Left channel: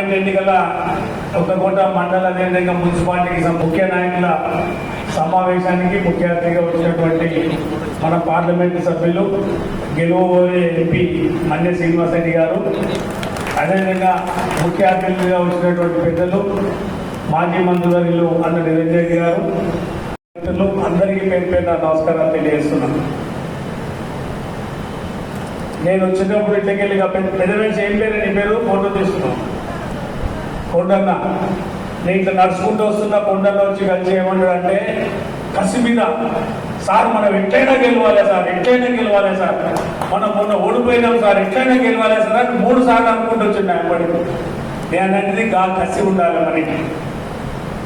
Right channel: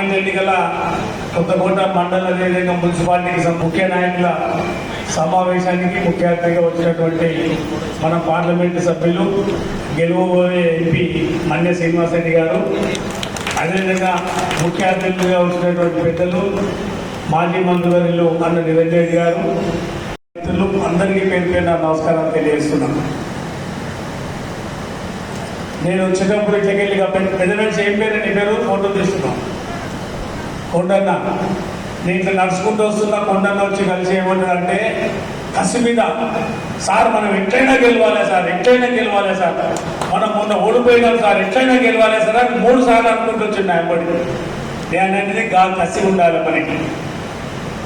Parliament ఎన్నికల కొత్తకోట మండల అదేవిధంగా మున్సిపాలిటీకి ముఖ్య నాయకుల సమావేశానికి ముఖ్య అతిథిగా వచ్చినటువంటి మన పార్లమెంటు సభ్యులు గెలువబోయే ఎంపీ మన్య శ్రీనివాసరెడ్డి గారు, అదేవిధంగా ముఖ్య అతిథులుగా వచ్చినటువంటి పెద్దలు మాజీ మంత్రివర్యులు అన్న నిరంజన్ రెడ్డి గారు, అందరికీ పేరు పేరున నమస్కారం తెలియజేస్తున్నాను. నేను వచ్చినప్పుడు ఇట్లకెళ్ళి పెద్దవేసి ఏం పేరు నీ పేరు ఫోటో తీసుకున్నాను. కొండన్న నేను ఇట్లా నడుచుకుంటూ వస్తున్నా, కొండన్న వచ్చి కలిసి ఏమన్నాడు అంటే కసి మీద, సార్ మనం ఎట్లయినా గెలవాలి సార్, ఎట్లయినా గెలవాలి సార్, మనం మొన్న ఓడిపోయినాం సార్, ఎట్లయినా గెలవాలి సార్ అని 3 సార్లు అనుకుంటూ వచ్చింది ఆయనపడి. నేను అనేది కసి ఉండాలి మనకి.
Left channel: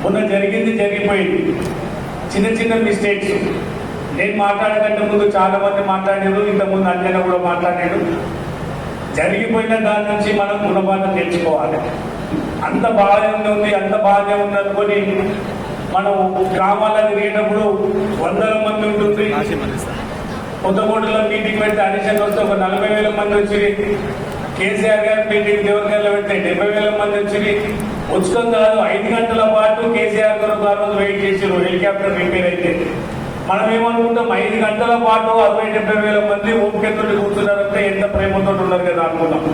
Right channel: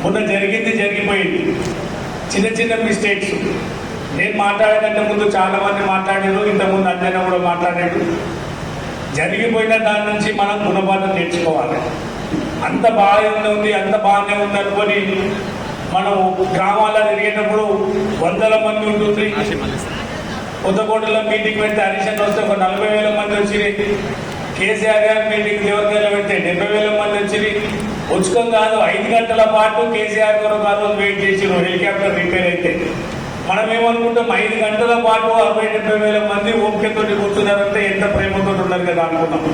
మొన్న జరిగిపోయింది, చిన్న చిన్న మిస్టేక్స్. నేను మాట్లాడేకంటే ముందు చాలా మంది మాట్లాడారు, ఇంతకుముందు అన్నయ్య కూడా మాట్లాడాడు. జరిగిపోయిన దాని నుంచి మనం గుణపాఠం నేర్చుకోవాలి. అంత బాగానే ఉంది, అంత బాగానే ఉంది అనుకొని మనం గ్రామాల్లో తిరిగేటప్పుడు 100 మంది ఉంటుంది. కొత్తకోటలో మీటింగ్ పెడితే అడిషన్ వస్తే ఒక 40,000 మంది వచ్చి, కేసీఆర్ గారి మీటింగ్ దేవరకాయలో పెడితే 70,000 మంది వచ్చి, ఉచితం కాదు 5 గంటల పాటు కేసీఆర్ గారు వెయిట్ చేసి హెలికాప్టర్ రిపేర్ అయితే మనం ఏమనుకుంటాం 5 గంటల పాటు 60,000-70,000 మంది ఓపికతో కూర్చున్నారంటే ఎంత ప్రేమతో ఉన్నారు కదా అనుకున్నాం.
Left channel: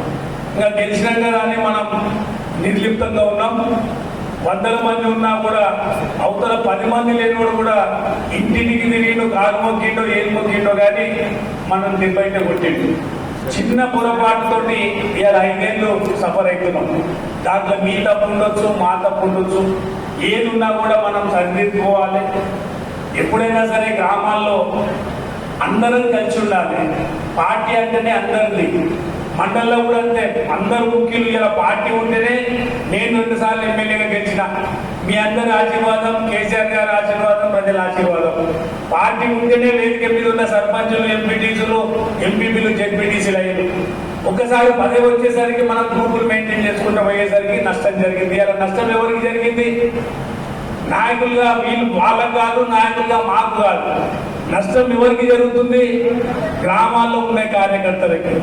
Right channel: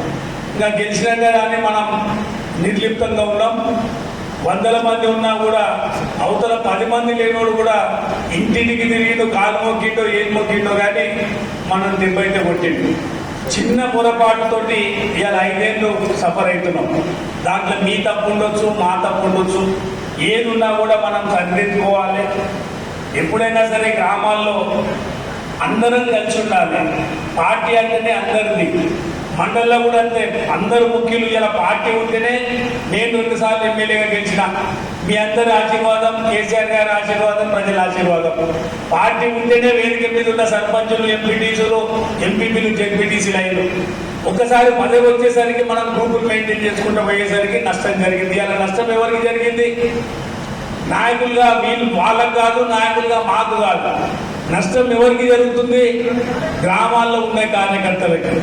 ఇంకా గెలిచినాక కానీ మనం నిర్లిప్తంగా ఉన్నాం. 100 మంది ఉన్నా కూడా అవతల 10 మంది లేనివాడు కూడా ఇంటింటికి తిరిగి కాలు మొక్కిండో ఏం మొక్కిండో కానీ మనం నిర్భయత కొట్టిండు. చిన్న పొరపాటుతోటి ఇలా 5 ఏళ్ళు సఫర్ అవుతున్నాం. దాంట్లో మీ తప్పు ఉండొచ్చు, మా తప్పు ఉండొచ్చు, ఏది ఉన్నా కూడా మనం సరిదిద్దుకోవాలి. ఎప్పుడైనా సరే గ్రామాల్లో అందరం కలిసి ఉండాలి. పార్టీ అంటేనే అందరిది. మండలంలో కూడా అంతే, అందరు ముఖ్యులు ఇలా పార్టీ ఉంటేనే నేను 2 సార్లు ఎమ్మెల్యేగా గెలిచిన. మీ అందరి ఆశీర్వాదం, కేసీఆర్ గారి ఆశీర్వాదం, ప్రజల ఆశీర్వాదం. పార్టీ ఉంటేనే వేదిక మీద ఉన్న సర్పంచులు, ఎంపీటీసీలు, ఎంపీపీలు, జెడ్పీటీసీలు అయ్యారు. ఒకసారి పదవి వచ్చేసరికి మనం గ్రూపులు మెయింటైన్ చేసుకుంటూ పోయేసరికి నష్టం జరిగింది. అలా నష్టం ఎవరికి జరిగింది? నాయకులుగా వీళ్ళు వాళ్ళకు కాదు, నాయకులుగా మాకు కాదు. నష్టం ఎవరికి జరుగుతుంది? గ్రామాల్లో ఉండే కార్యకర్తలకి.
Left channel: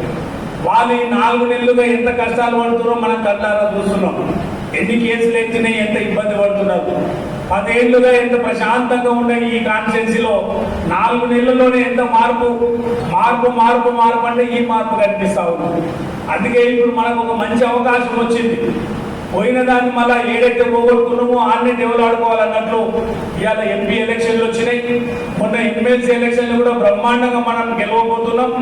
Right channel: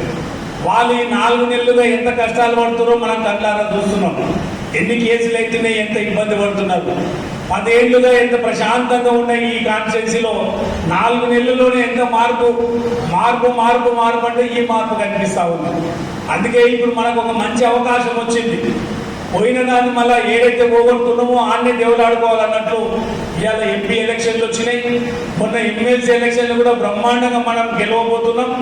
వాళ్ళు ఈ 4 నెలలుగా ఎంత కష్టాలు పడుతున్నారో మనం కళ్ళారా చూస్తున్నాం. ఎన్ని కేసులు అయితేనే ఎంత ఇబ్బంది పడుతున్నారు. 10 ఏళ్లుగా ఎంత ప్రశాంతంగా ఉన్నాయి ఈ కాన్స్టిట్యున్సీలో. 4 నెలల్లోనే ఎంత మార్పు అంటే ఈ మార్పు కనిపిస్తా ఉంది. అందుకే ఇప్పుడు మనకు ఒక మంచి అవకాశం వచ్చింది. పోయిన దాన్ని మళ్ళా ఏదైతే పోగొడుతున్నామో ఆన్నే దేవులాడుకోవాలన్నట్లు ఇవాళ ఎంపీ ఎలక్షన్లు వచ్చినాయి. మొన్న ఎమ్మెల్సీ ఎలక్షన్లు కూడా బ్రహ్మాండంగా మనం గెలవబోతున్నాం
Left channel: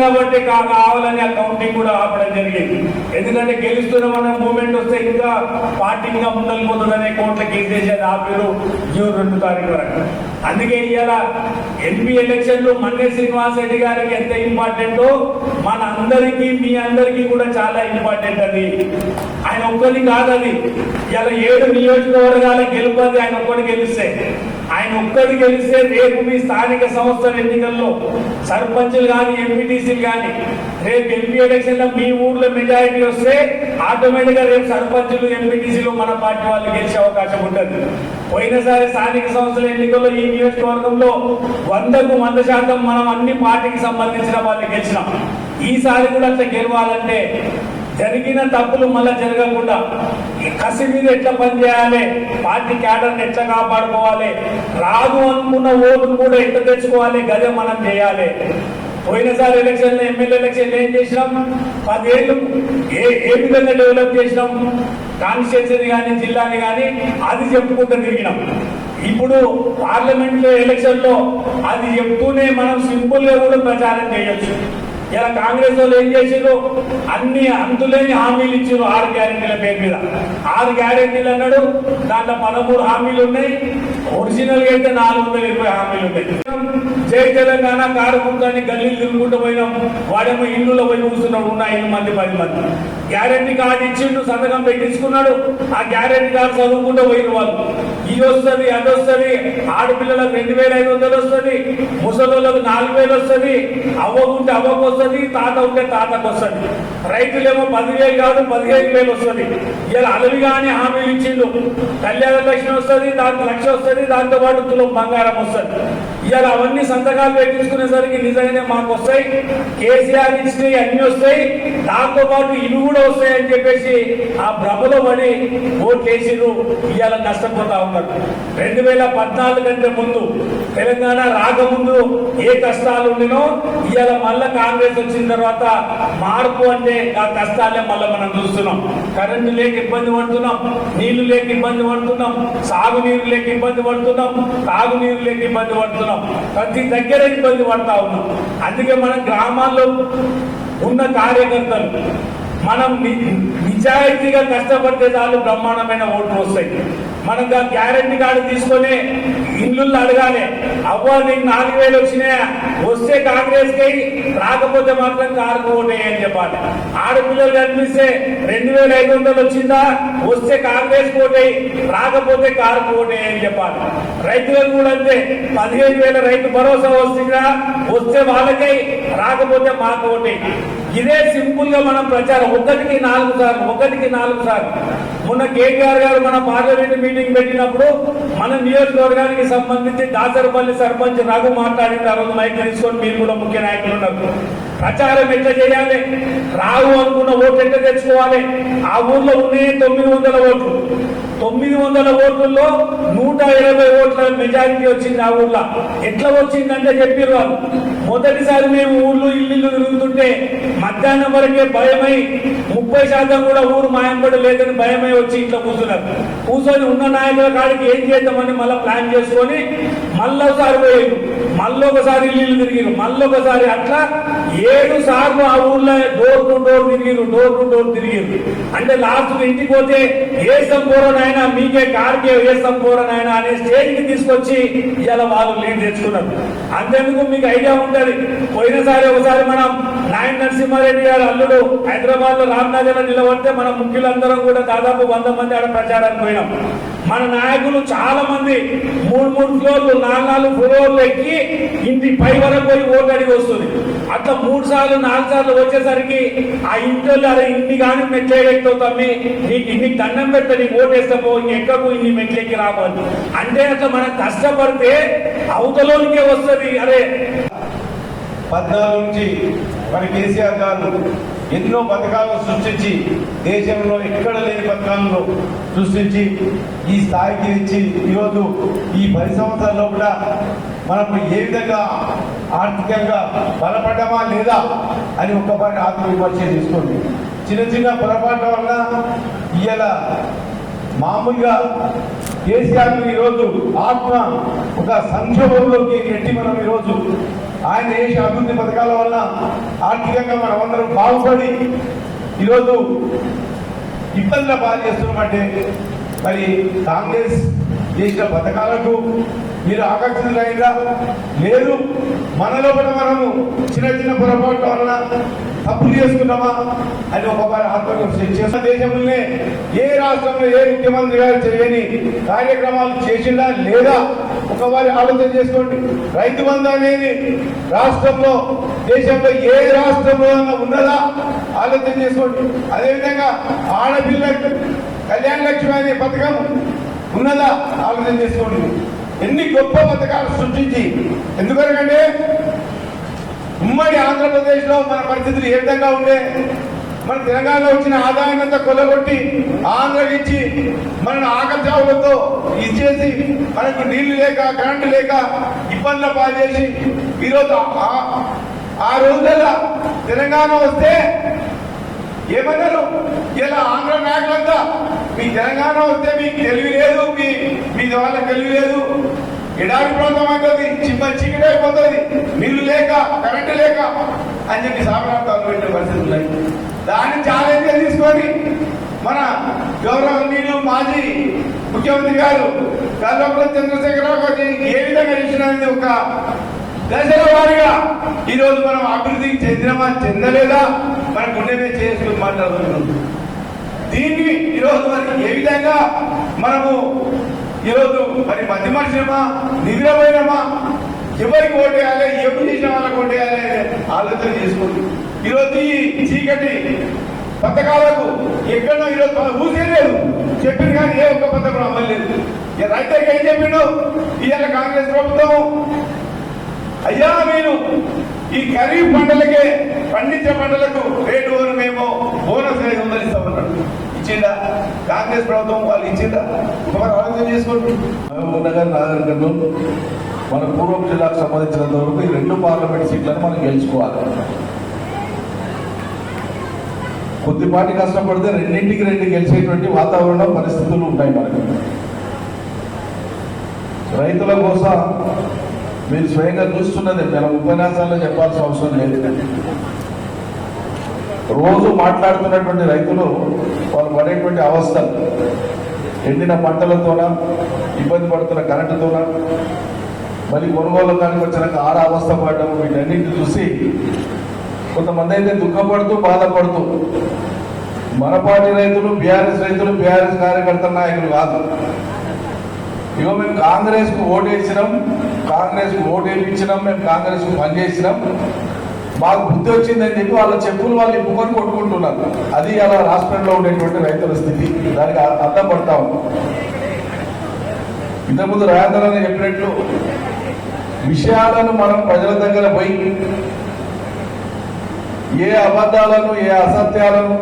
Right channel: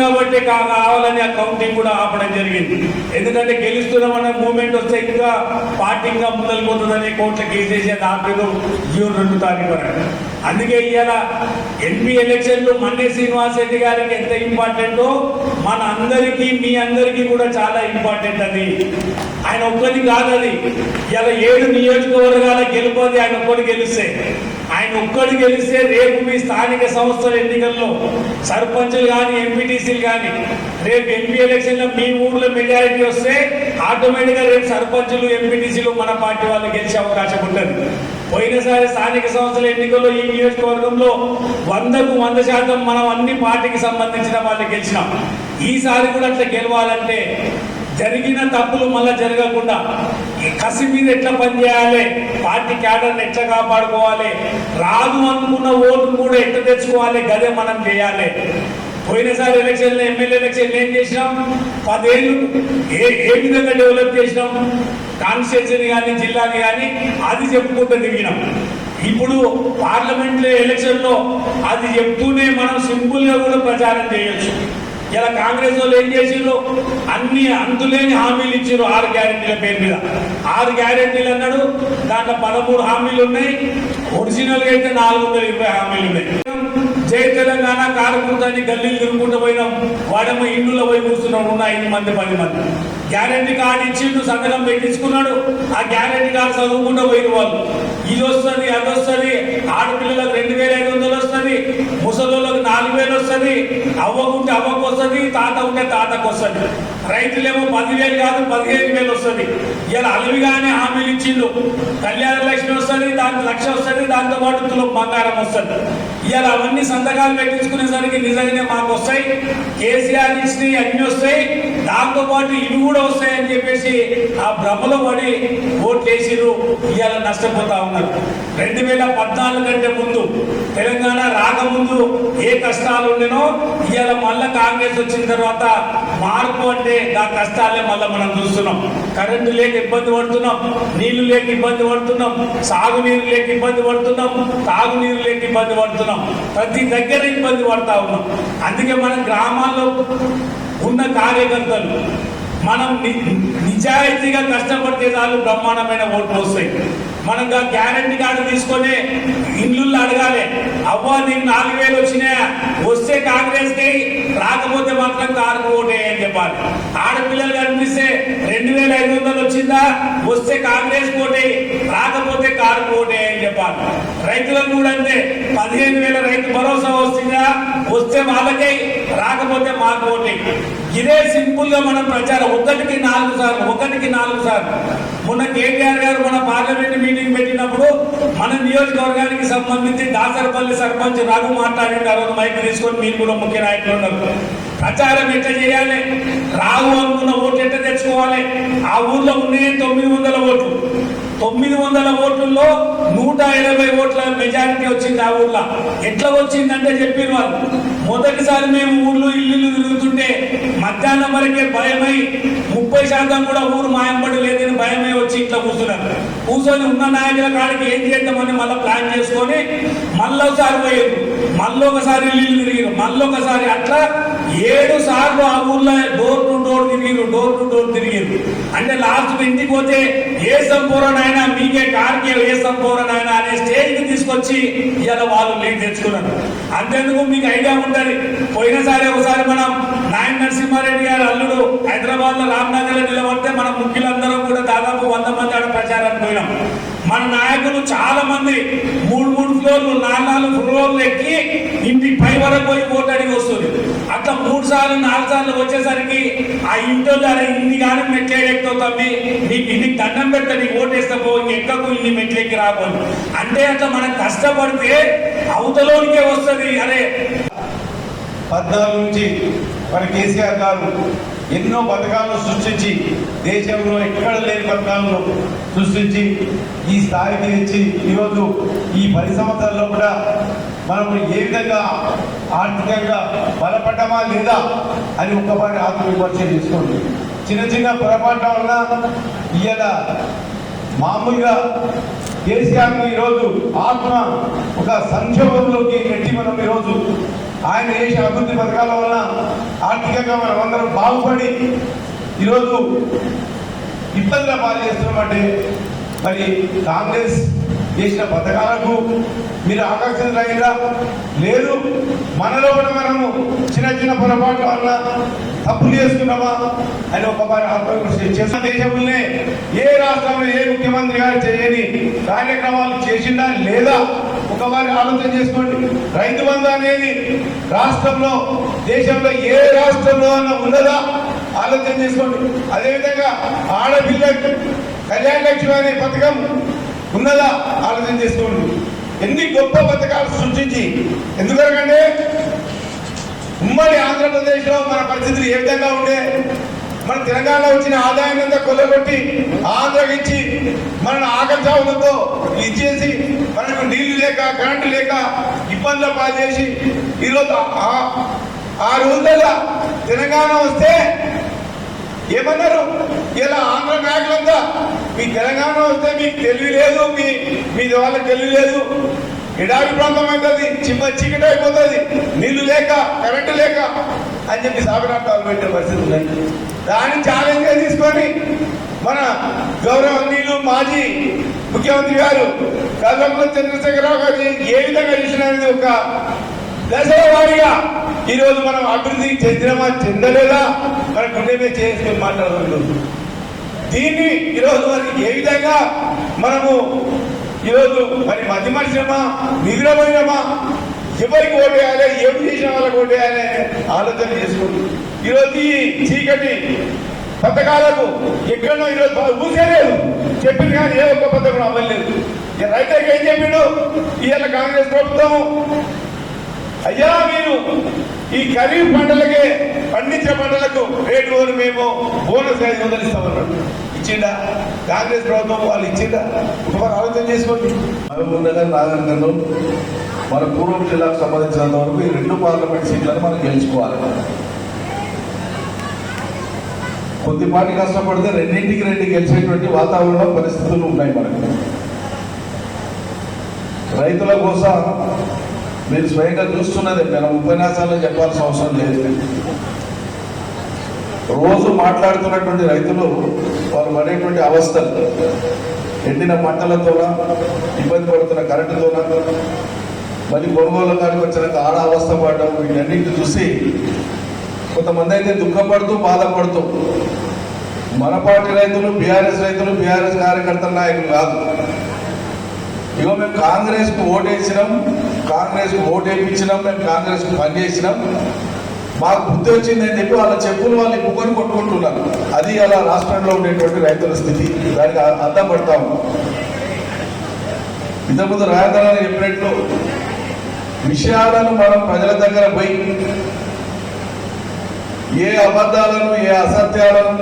కాబట్టి కావాలని ఆ కౌంటింగ్ కూడా ఆపడం జరిగింది. ఎందుకంటే గెలుస్తున్నామనే మూమెంట్ వస్తే ఇంకా పార్టీ ఇంకా ముందలిపోతుందనే కోట్ల కేసేసేది ఆపేరు జూన్ 2 తారీఖు వరకు. అందుకే ఇవాళ ఎంపీ ఎలక్షన్లు మన్య శ్రీనివాసరెడ్డి గారికి ఎంత ఇంపార్టెంటో మన అందరికీ, మీ అందరికీ కూడా చాలా ఇంపార్టెంట్. అది ఆయన ఒక్కటి కాదు. అది ఇలా 7 నియోజకవర్గాల గెలుపది ఆయన ఒక్కటి గెలిస్తే రేపు మీ స్థానిక సంస్థల ఎన్నికల్లో సర్పంచులు కానీ, ఎంపీటీసీలు కానీ, రేపు ఎంపీ ఎలక్షన్ లో మీ ఊర్లో మెజారిటీ వస్తే ఆటోమేటిక్ గా రేపు సర్పంచులు, ఎంపీటీసీలు మన పార్టీ వాళ్ళు గెలిచే అవకాశం ఉంటుంది. పోయినసారి స్థానిక సంస్థల ఎన్నికల్లో ఈ నియోజకవర్గంలో 100కు 100% మనం అన్ని పార్టీకి సంబంధించిన వాళ్ళు గెలిచినాం. ఈసారి కూడా అట్లా గెలవాలంటే జరిగిన తప్పులు మళ్ళా జరగకుండా కసి మీద ఎట్లా పనిచేయాలి, పార్టీ క్యాడర్ని ఎట్లా కాపాడుకోవాలి, రాదు అనుకున్న ఓటును కూడా ఎట్లా తెచ్చుకోవాలి, గదే మనం చేయాలి. పోయినసారి ఎలక్షన్లో ఎమ్మెల్యే ఎలక్షన్ ఏం చేసినాం? 10 ఏళ్ళు ఏ విధంగా డెవలప్ చేసినాం కాన్స్టిట్యూన్సీని కానీ, జిల్లాని కానీ, అది చెప్పుకుంటూ తిరిగినాం. ఇప్పుడు పార్లమెంట్ ఎలక్షన్ లో అది చెప్తూనే మనం సింపుల్ గా కూడా ప్రచారం చేయొచ్చు. ఇలా కాంగ్రెస్ వాళ్ళు ఏం చేసారు? అన్ని అంతులేని హామీలు ఇచ్చారు 6 గ్యారెంటీల పేరు మీద. 6 గ్యారెంటీలు అన్నాడు, దాంట్లో 13 హామీలు ఉన్నాయి. ఒరిజినల్ గా అయితే 420 హామీలు ఉన్నాయి. జై తెలంగాణ కారుకుంటాన్ని గల్లీలు తిరుగుకుంటూ పోయినాం. వాడేమో ఇండ్లలో పోయి కూర్చున్నాడు, ఉన్న 5 మంది 10 మంది. గ్యారెంటీ కార్డు ఇచ్చిండు, సంతకం పెట్టించుకున్నాడు. ఆ గ్యారెంటీ కార్డు చదువుకుంటూ పోయిన వాళ్ళు ఇది వస్తుంది, అది వస్తుంది, ఆడపిల్లలకు 2,500 వస్తుంది, ముసలోళ్ళకు 4,000 వస్తుంది, అవ్వకుంటే అవ్వకు వస్తుంది, తాత ఉంటే తాతకు వస్తుంది. వస్తుంది, రైతులేమో 10,000 కాదు 15,000 వస్తుంది. ఇలా అలవిగానే హామీలు ఇచ్చిండు. కళ్యాణ లక్ష్మి వస్తుంది, దాంతో 1,00,000 వస్తుంది, దాంతో పాటు తులం బంగారం వస్తుంది. ఇలా అవన్నీ సంతకాలు పెట్టించుకునేసరికి నిజంగానే మాకు వస్తాయి, కేసీఆర్ ఇచ్చినవి అన్ని వస్తాయి, దాంతో పాటు ఇవి కూడా వస్తాయి అని చెప్పేసి ఆ భ్రమలో పడి ఓట్లు వేసిరు. ఇవాళ నష్టపోతా ఉన్నారు. 2014 కంటే ముందు తెలంగాణ రాకముందు ఏ కష్టాలు ఉండేనో ఇవాళ మళ్ళా కాంగ్రెస్ వచ్చిన తర్వాత మార్పు అంటే ఆ కష్టాలే మళ్ళీ మనం చూస్తున్నాం. కరెంటు లేక ఇబ్బంది పడుతున్నాం, నీళ్లు లేక ఇబ్బంది పడుతున్నాం, సాగునీరు లేక ఇబ్బంది పడుతున్నాం, తాగునీరు లేక ఇబ్బంది పడుతున్నాం, ప్రతి దగ్గర ఇబ్బంది పడతా ఉన్నాం. అందుకే మన గ్రామాల్లో ఉన్న కార్యకర్తలు మనం నిజాయితీగా కష్టపడితే చాలు బ్రహ్మాండమైన ఓట్లు వస్తాయి. మనం గ్యారెంటీ కార్డు తీసుకొని ఇల్లు అడగాలి, అబ్బో నీకు 4,000 వచ్చినాయా, వస్తే కాంగ్రెస్ కి, రాకపోతే మాత్రం కారుకు ఓటేయని చెప్పాలి. ఆడపిల్లలు కనిపిస్తే 2,500 వచ్చిందా, వస్తే కాంగ్రెస్ ఓటేయి, రాకపోతే కారుకు ఓటేయని చెప్పాలి. రైతులకు కూడా అంతే, 15,000 రైతు భరోసా వస్తుందా, వస్తే వాళ్ళకే, రాకపోతే మాకు ఓటేయి. ఇదే సింపుల్ గా మనం ప్రచారం 1కి 4 సార్లు. మొన్న కేటీఆర్ గారు మన పార్లమెంట్ మీటింగ్ పెట్టినప్పుడు మన నియోజకవర్గానికి సంబంధించి దాసరపల్లి సర్పంచ్ రఘు మాట్లాడిన రోజు మైక్ తీసుకొని మీరు కూడా ముఖ్య నాయకులు ఉన్నారు. ప్రచారం ఎట్లా చేయాలి, రాహు అనుకున్న ఓట్లు ఎట్లా తెచ్చుకోవాలి. ఆ ఊర్లో ఉన్నాయి 900 ఓట్లు. 900 ఓట్లలో 120 ఓట్ల మెజారిటీ వచ్చింది. ఆ ఊర్లో ఎట్లా వచ్చిందంటే చెప్పిన వాళ్ళు, మొదటిసారి మేము ఊర్లో ఇల్లు తిరుగుతుంటే మధ్యాహ్నం వరకే భయమై 30% కూడా ఊరు మాయంపడి లేదని భయమై వచ్చి ఇంట్లో కూర్చొని ఉన్న నాయకుల కాడికి ఏం చేద్దామని మళ్ళీ ప్లాన్ చేసుకొని మళ్ళొకసారి పోయారు, మళ్ళొకసారి ఇల్లు తిరిగిరు, మళ్ళొకసారి అట్లా 7 సార్లు ఆ ఊర్లో డోర్ టు డోర్ తిరిగిరు. అంటే లాస్ట్ ఇంటికి పోతే ఏ సంపూర్ణైనా మీకే కార్కే ఏ సంపూర్ణైనా అనే స్టేజ్ కి తీసుకొచ్చి ఇలా వాళ్ళు లీడ్ తెచ్చుకున్నారు. అంతేందుకు మీకు ఐడియా ఉంటది, పోయినసారి ఒకసారి మనం నాయన నరసింహారెడ్డి గారి అల్లుడు హైదరాబాద్ లో రామ్నగర్ లో నిలబడితే మన ముఖ్యులందరం కూడా దాదాపు 100 మంది ఆడ ప్రచారానికి పోయినాం. మన నాయకులు చాలా మంది 3 ఫ్లోర్లు 4 ఫ్లోర్లు ఎక్కి ఇంటి పై వరకు పోయి ఓటడికి వస్తుంది. అట్లా 3 సార్లు 4 సార్లు వచ్చేసరికి ఆ ఇంట్లో ఇన్ని కానీ మెట్లెక్తో తమ్మి నీకు ఇన్ని దండం పెడతా, నీకు ఓటేస్తా పో, ఎక్కకు ఇన్ని మెట్లెక్కి రావాలి అంటే అట్లా మనం కష్టపడితే అవతలోనికే వస్తుంది. అరే 14 నుంచి మరి కేసీఆర్ గారు ఎన్నో పథకాలను సృష్టించి దేశంలో ఎక్కడ లేని పథకాలను సృష్టించి ఈ స్థాయికి తెచ్చి ఈరోజు ఈ 10 సంవత్సరాల్లో కూడా మనం ఏ విధంగా ఆర్థికంగా బలపడ్డామా లేదా అని ఒక్కసారి ఆత్మవిమర్శ చేసుకుంటాం. చిన్న పొరపాట్ల వల్ల ఇవాళ మామూలుగా కేసీఆర్ ఈరోజు ఆత్మ ఒక సంక్షోభంలోకి నెట్టి మనం ఈరోజు ఆయన చేసిన అభివృద్ధి పథకాల వల్ల ఆర్థికంగా మనం అందరం బాగుపడి ఈరోజు ఇబ్బందుల పాలు చేస్తున్నామంటే మరి కాంగ్రెస్ చేసిన పథకాలకు మీరు ఆకర్షితులైనా లేదు, మనలో కూడా మనము చిన్న పొరపాట్ల వల్ల తప్పులు చేసుకున్నామా అని ఒకసారి ఆత్మవిమర్శ చేసిన దేశంలోనే ఏ రాష్ట్రంలో ఏ ముఖ్యమంత్రి గారు చేయని కార్యక్రమాలు చేసిందా లేదా ఒకసారి ఆలోచన చేసుకోండి. రైతు బంధు అనేది రాష్ట్రంలో దేశంలో ఏ రాష్ట్రంలో ఉన్నదా ఆలోచన చేసుకోండి. అదేవిధంగా ఆడపిల్ల కళ్యాణ లక్ష్మి అనే పథకం ఉన్నదా ఆలోచన చేసుకోండి. ఎన్ని గొప్ప పథకాలు సృష్టించి, ఎందుకంటే ఉమ్మడి ఆంధ్రప్రదేశ్ లో మన పరిస్థితులు ఏ విధంగా ఉండే, మన తెలంగాణలో వచ్చిన ఆదాయం అంతా కొల్లగొట్టి ఆంధ్రకి ఇచ్చి మన ఆకర్షాలతో ఇచ్చేసి మనకు నీళ్లు లేక కరెంటు లేక ఇబ్బందులు పాలు చేసి ఈరోజు ఆ రోజుల్లో తెలంగాణ వస్తే ఏమన్నారు, ఇలా ఆంధ్ర నాయకులంతా మీ తెలంగాణ వస్తే మీకు తెలివి లేదు, మీ వాళ్ళకి తెలివి లేదు, ఎడారి ప్రాంతం అవుతుంది, చీకటి అయిపోతుంది, నీళ్లు లేక కరెంటు లేక అని చెప్పి సాగనార్థాలు పెట్టే పరిస్థితి ఉన్నాయి. దాన్ని ఛాలెంజ్ తీసుకొని మన గౌరవనీయులు మాజీ ముఖ్యమంత్రి గారు కల్వకుంట్ల చంద్రశేఖరరావు గారు ఏ విధంగా చేసినది ఒక దశల వారీగా ఈరోజు మనం అభివృద్ధి చెందలేదా మనం గుండెమే చేసుకుని మాట్లాడుతున్నాం. దీన్ని ఈరోజు మరి ఏ విధంగా మనము ఈరోజు మరి మధ్యమర్శమా నిధులమైనమా ఎవరికి ఓటేయాలి, ఎవరు చేసిన వాళ్ళకి ఓటేయాలి అనే ఆలోచన చేసుకోండి. ఈరోజు ఈ చీకటి పథకాలకు ఎక్కడో ఈరోజు ఊసేది చెప్పింది కానీ ఏ ఒక్క పథకం అవ్వలేదు. రైతులకు ఏం చెప్పిండు ఇవాళ కాంగ్రెస్ ప్రభుత్వం? అయ్యా మీరు ఈ ఖరీఫ్ పంటలకే పండించే పంటలకు రేటు ఓరు మేము బోనస్ 500 ఇస్తామన్నాడు. ఇచ్చిండా కాంగ్రెస్ ప్రభుత్వం? వాళ్ళు ఇచ్చిండా? ఇంకా ఆలోచన చేసుకోండి. మనం ఉండగా నాగరికను మన పూర్వం జిల్లాకు సంబంధించినంత వరకు ఈ 2 పార్లమెంట్ సీట్లను మనం గెలుచుకోవాలి. కొద్దిపాటి కష్టపడితే రెండింటికి 2 గెలిచేటువంటి వాతావరణం పరిస్థితులు ఉన్నాయి మనకు. రైతుల కోసం మీరు స్వయంగా చూస్తున్నదే, మనం ఉపన్యాసాల్లో చెప్పాల్సిన అవసరం లేదు. రోజు మాట్లాడుతున్నటువంటి రైతులు వాళ్ళు పడేటువంటి అవస్థలు, ఎండిన పంటలతోన, ఇబ్బంది పడుతున్న కరెంటుతోన, మళ్ళీ కొనుగోలు దానికి వచ్చినాక ఆడ అవస్థ పడడం, వీటన్నింటిని చూసి కొంతమంది అయితే దుఃఖపడుతూ బాధపడుతూ, మన పార్టీ రైతులు బీఆర్ఎస్ కార్యకర్తల నాయకులు కాదు. ఇగో మేము కాంగ్రెస్ కు ఓటేసినాం, కాంగ్రెస్ కు ఓటు వేయించినాం, మేము కాంగ్రెస్ కు పనిచేసినాం, మాకు బుద్ధి వచ్చిందని చెప్పి వాళ్ళ చెప్పులు వాళ్ళు ఇప్పుకొని కొట్టుకుంటున్నారు. అది అలా రాష్ట్రంలో ఉండేటువంటి రైతుల స్థితి. దానికి అర్థం పడతాం. ఇంతకుముందు రాజధాని చెప్పినట్లు విషయాలను మనం ప్రజల దగ్గర పోయి ఏ అబద్ధాలను, ఏ అసత్యాలను,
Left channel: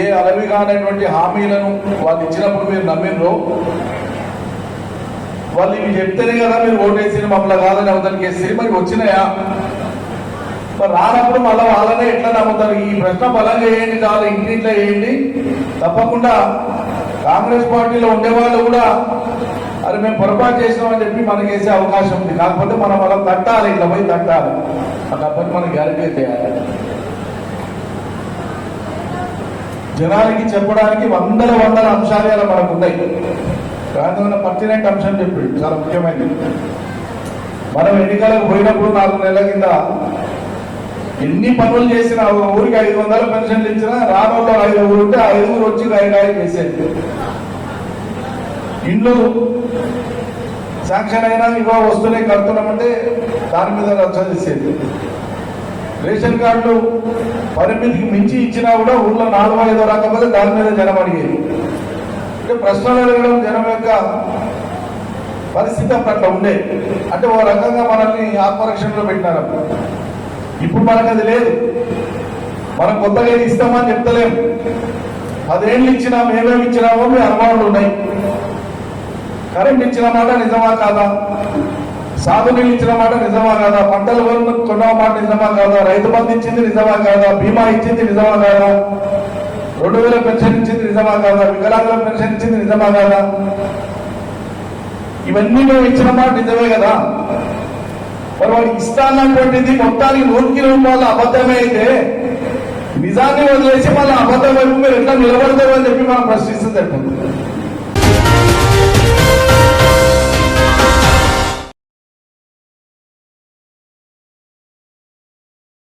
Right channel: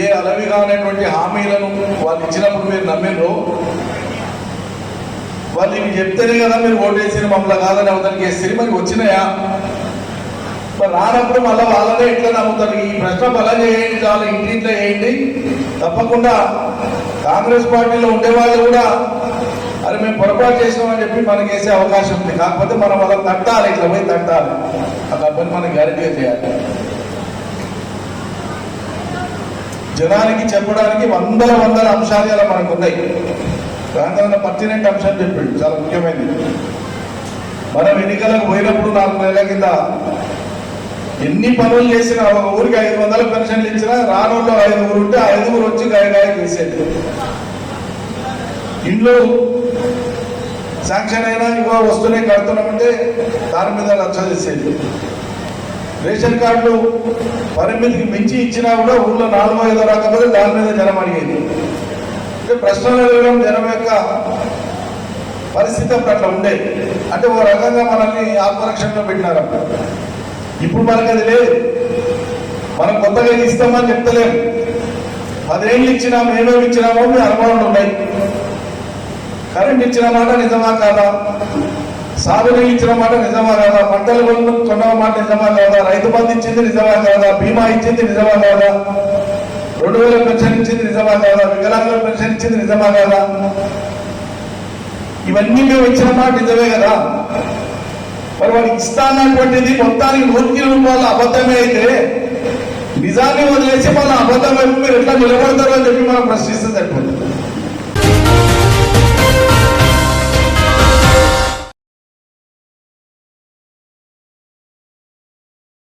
ఏ అలవిగా అనేటువంటి హామీలను వాళ్ళు ఇచ్చినప్పుడు మీరు నమ్మినరో, వాళ్ళు ఇవి చెప్తేనే కదా మీరు ఓటేసిన మమ్మల్ని కాదని అవతలికి వేస్తే మరి వచ్చినాయా? మరి రానప్పుడు మళ్ళీ వాళ్ళనే ఎట్లా నమ్ముతారు? ఈ ప్రశ్న బలం చేయండి, చాలా ఇంటింట్లో వేయండి. తప్పకుండా కాంగ్రెస్ పార్టీలో ఉండేవాళ్ళు కూడా అరే మేము పొరపాటు చేసినామని చెప్పి మనకి వేసే అవకాశం ఉంది. కాకపోతే మనం అలా తట్టాలి, ఇట్లా పోయి తట్టాలి. ఆ పని మనం గ్యారెంటీగా చేయాలి. జనానికి చెప్పడానికి వందల అంశాలు ఇలా మనకు ఉన్నాయి. గాంధీ పర్టినెంట్ అంశం చెప్పాడు, చాలా ముఖ్యమైనది. మనం ఎన్నికలకు పోయినప్పుడు 4 నెలల కింద ఎన్ని పనులు చేసినా, ఒక ఊరికి 500 పెన్షన్లు ఇచ్చినా రానుల్లో 5 ఉంటే 5 వచ్చి గాయగాయ చేసేది. ఇల్లు శాంక్షన్ అయినా ఇవో వస్తూనే కడుతున్నామంటే దాని మీద రచ్చ చేసేది. రేషన్ కార్డులు పరిమితికి మించి ఇచ్చినా కూడా ఊళ్ళో 4-5 రాకపోతే దాని మీద జనం అడిగేది. ప్రశ్నలు అడగడం జనం యొక్క పరిస్థితి అట్లా ఉండే. అంటే ఓ రకంగా మనల్ని ఆత్మరక్షణలో పెట్టినారు. ఇప్పుడు మనకు అది లేదు. మనం కొత్తగా ఇస్తామని చెప్తలేము. 10 ఏళ్ళు ఇచ్చినాం, ఏమేమి ఇచ్చినామో మీరు అనుమానాలు ఉన్నాయి. కరెంట్ ఇచ్చిన మాట నిజమా కాదా? సాగునీళ్ళు ఇచ్చిన మాట నిజమా కాదా? పంటల బంధు కొన్న మాట నిజమా కాదా? రైతు బంధు ఇచ్చింది నిజమా కాదా? బీమా ఇచ్చింది నిజమా కాదా? 2000 పెన్షన్ ఇచ్చింది నిజమా కాదా? వికలాంగుల పెన్షన్ ఇచ్చింది నిజమా కాదా? ఇవన్నీ మేము ఇచ్చిన మాట నిజమే కదా. మరి వాళ్ళు ఇస్తానటువంటిది మొత్తానికి 100 రూపాయల అబద్ధమే అయితే నిజాన్ని వదిలేసి వాళ్ళ అబద్ధమే మీరు ఎట్లా నిలబడతారు అని చెప్పి మనం ప్రశ్నిస్తే తప్పింది.